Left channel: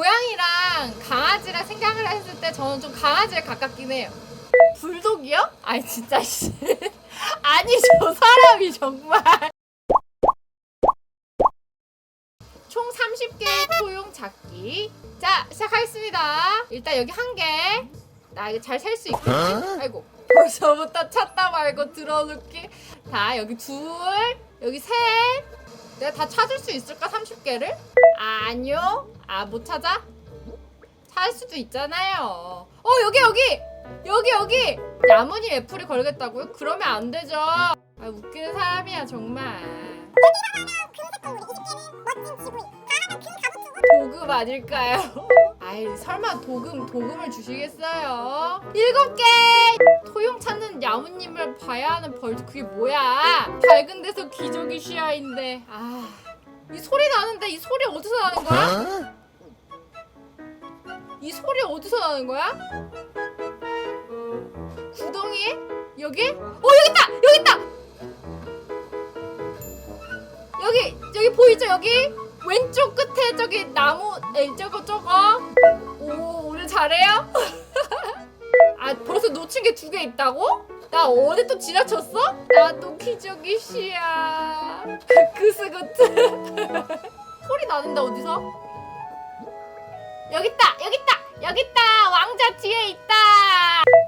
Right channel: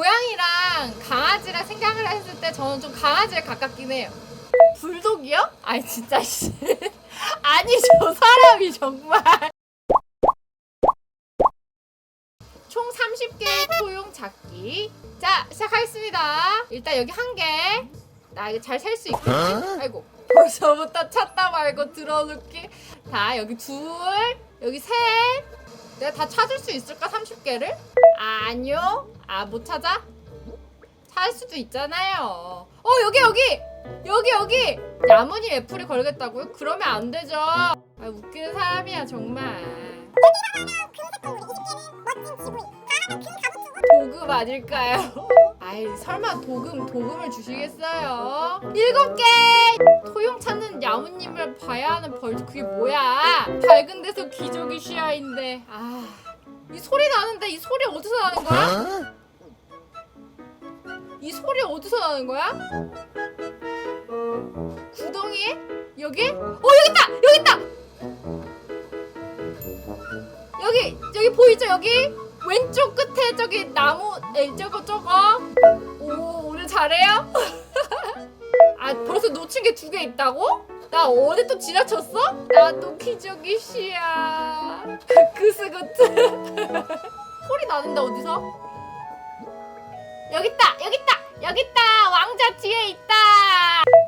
고양이랑 강아지랑 생각을 했을 때 저는 좀 강아지에 가깝긴 해요. 불독이요? 아니 진짜 씨. 아니 저 사람이 정말. 총 30개의 토용 잡기. 자 시작하겠습니다. 일단 여기 한 개. 나 이거 잘 셀 수 있겠지? 아이고 벌써부터 찾다 말고 들어놓기. 자 여기 둘, 여기 셋. 내가 다 찾을 수 있을까 30개를? 아, 아니요. 아 못 찾아? 찾을 수도 있잖아요. 어 여기 여기 여기 여기 야무니 애플이 걸겠다고요? 그러면 안 되죠. 아 웃기는 사람이야 정말. 도금 아닐까요? 아이 설마 도금 도금을 주시겠어요? 일곱 개 토용 찾는 야무님을 봐야 하는 벌 그게 뭐야? 밝은 데서 기저귀 시야인데 아이 소리 나는데 이 소리 어디서 나는 거야? 이 소리 어디서 나는 거야? 구덩이? 여기? 어 여기 있다 여기 있다 여기 여기 보이죠 여기 왼쪽 끝에 저기 나무 에 저거 저거 오 오늘 잘해요? 아 벌써 놓친 게 두 개 있다고? 나 어디 또 지나쳤어? 나도 기저귀 씨야 그스그트 소리 나는데 어디서? 여기 있다 여기 있다 여기 있다 왕자 뒤에 있다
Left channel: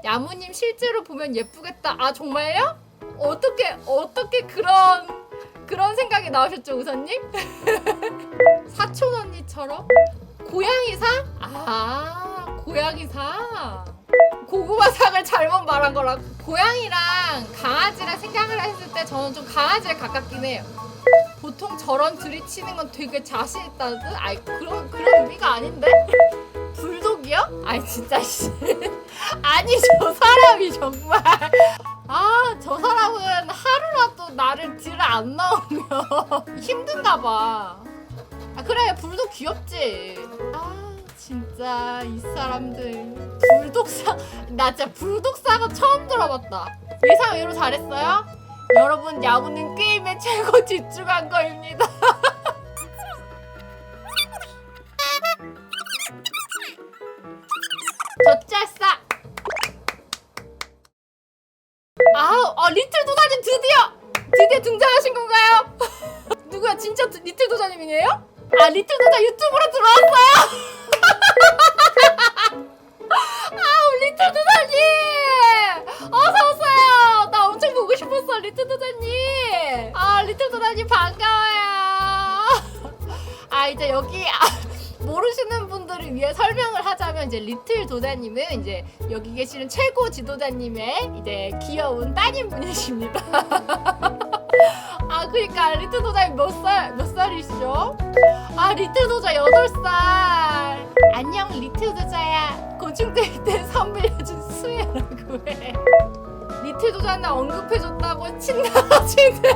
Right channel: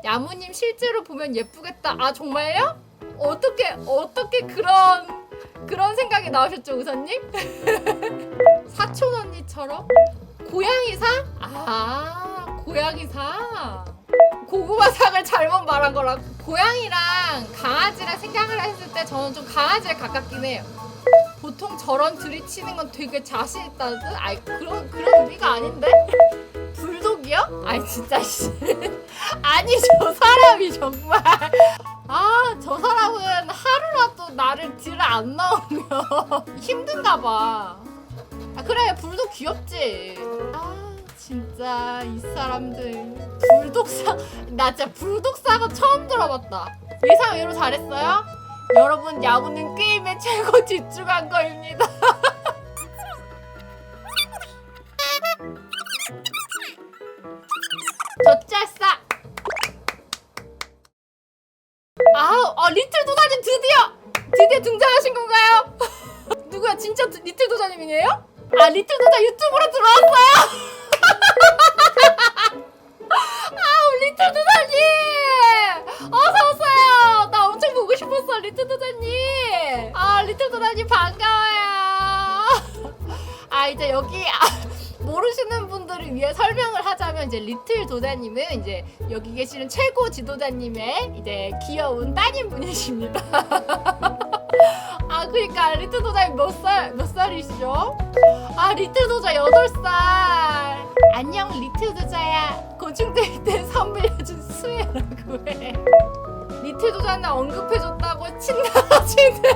야무님 실제로 보면 예쁘겠다 아 정말요? 어떻게 어떻게 그런 그런 생각이 나오셨죠 우선님? 사촌 언니처럼 고양이상? 아 고양이상 고구마상을 잘못 말한 거라 고양이랑 강아지랑 생각을 했을 때 저는 좀 강아지에 가깝긴 해요 보통 저런 들이치는 건 되게 자신 있다는 뜻? 아이 그런 그런 의미가 아닌데? 불독이요? 아니 진짜 씨 아니 저 사람이 정말 아 저 사람은 하루라도 나를 들어 안 나오면 힘든가 봐. 아 그래 불독 귀엽지. 아 진짜 이 사람들 불독사 나 진짜 불독사가 처음 들어봤다. 예상 외로 잘했어요? 여러분 야구는 게임에 최고 집중한 거입니다. 젖잘싸 아우 아 리틀 도사님 드디어 드디어 등장하신 건가요? 누구야 진짜 드- 리틀 도사님이에요? 아 리틀 도사 유튜브로 들어왔어요? 아 우 리틀 도사님 어서 오세요 나 엄청 보고 싶었어 리틀 도사님 아 리틀 도사님 반가워요 아 이제 여기 아, 모르시는 분들을 위해 설명을 하자면 이제 리틀 도자님은 이제 여기 계시는 최고 지도자님의 이제 귀여운 따님 분이십니다. 아 그러니까 리틀 도자님 몇 살 몇 살이시죠? 아 리틀 도자 여덟 살. 안녕 리틀 도자야. 고충될 때 선물해준 수혜라고 해. 리틀 도자는 언급해줬다고 친다 친다.